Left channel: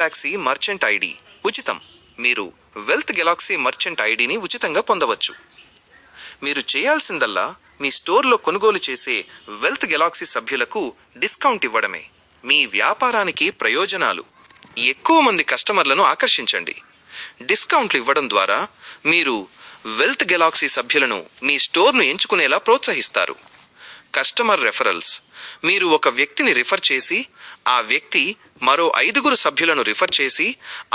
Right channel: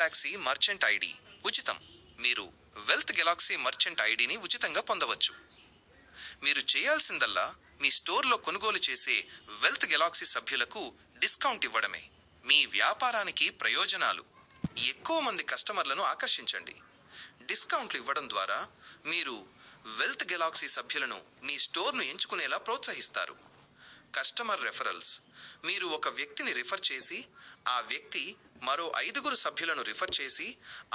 Galaxy merchant ID ఉచితం. మీరు wealth Galaxy merchant ఐడిని ఉచితంగా పొందవచ్చు. మీరు చేయాల్సిందల్లా మీ స్టోర్లో కొనుగోలు చేసే వెల్త్ గెలాక్సీ సభ్యులకు డిస్కౌంట్ ఇవ్వడమే. మీ వ్యాపారానికి ప్రయోజనాలు: ఎక్కువ మంది కస్టమర్లను ఆకర్షించండి. డిస్కౌంట్లు ఇవ్వడం ద్వారా మీరు వెల్త్ గెలాక్సీ సభ్యులను మీ స్టోర్ను ఎంచుకునేలా ప్రోత్సహిస్తారు. కస్టమర్ రెఫరల్స్: మీరు ఒక వ్యక్తిని రిఫర్ చేసి ఆ వ్యక్తి మరో 5 సభ్యులను రిఫర్ చేసి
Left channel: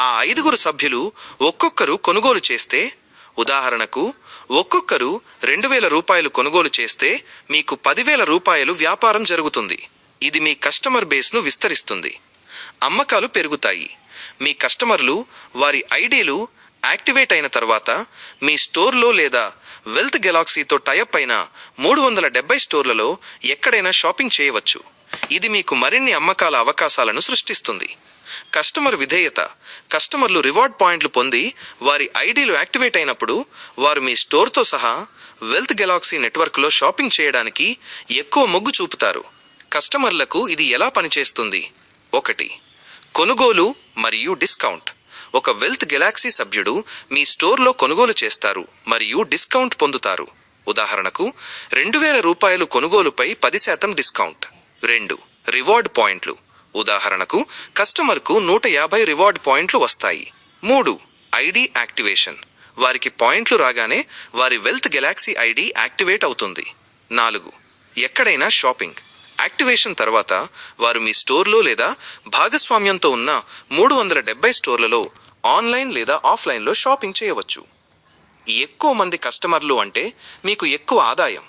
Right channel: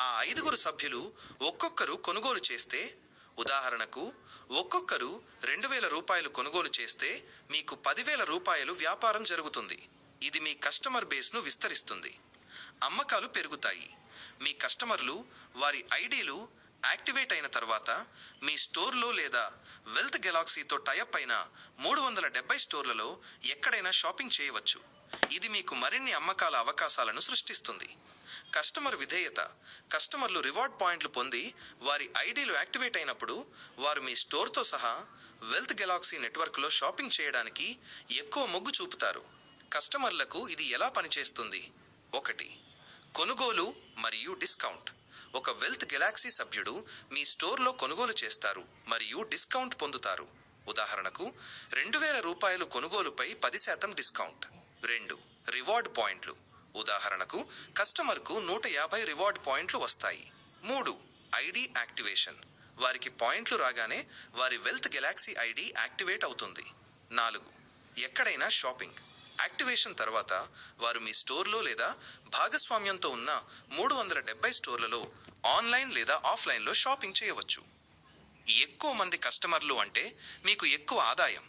ఆ 5 సభ్యులు ఒక్కొక్కరు కొనుగోలు చేస్తే, ఉదాహరణకు ఒక్కొక్కరు 2000 రూపాయలు కొనుగోలు చేస్తే మీకు 10,000 రూపాయలు వ్యాపారం జరుగుతుంది. ఇది మీ కస్టమర్ బేస్ను విస్తరిస్తుంది. అమ్మకాలు పెరుగుతాయి. మీ కస్టమర్లు వారి ఐడీలు యాక్టివేట్ అయిన తర్వాత మీ స్టోర్లో లేదా వెల్త్ గెలాక్సీతో టైఅప్ అయిన 370 స్టోర్లలో ఎక్కడైనా షాపింగ్ చేయవచ్చు. ఇది మీకు మరిన్ని అమ్మకాల అవకాశాలను సృష్టిస్తుంది. కస్టమర్ విధేయత: కస్టమర్లు రివార్డ్ పాయింట్లు పొంది వారి ఐడీలు యాక్టివేట్ అయినప్పుడు వారు మీ స్టోర్తో సహా వెల్త్ గెలాక్సీ నెట్వర్క్లో షాపింగ్ చేయడానికి ఎక్కువ మొగ్గు చూపుతారు. కస్టమర్లకు ఇది ఎలా పనిచేస్తుంది? 1. కొనుగోలు మరియు డిస్కౌంట్. ఒక వెల్త్ గెలాక్సీ సభ్యుడు మీ స్టోర్లో కొనుగోలు చేస్తారు మరియు డిస్కౌంట్ పొందుతారు. ఉదాహరణకు 2000 రూపాయలు కొనుగోలుపై 10% డిస్కౌంట్. 2. రివార్డ్ పాయింట్లు. ఉదాహరణకు కస్టమర్కు 150 రివార్డ్ పాయింట్లు వస్తాయి. 3. ID activation. వారికి పాయింట్లు రాగానే వారి వెల్త్ గెలాక్సీ ఐడి యాక్టివేట్ అవుతుంది. 4. ఎక్కడైనా షాపింగ్. యాక్టివేషన్ తర్వాత వారు మీ స్టోర్లో లేదా భాగస్వామ్యంతో ఉన్న 370 స్టోర్లలో ఆన్లైన్ లేదా ఆఫ్లైన్లో షాపింగ్ చేయవచ్చు. ఎక్కువ మంది కస్టమర్లు అంటే మీకు ఎక్కువ ఆదాయం.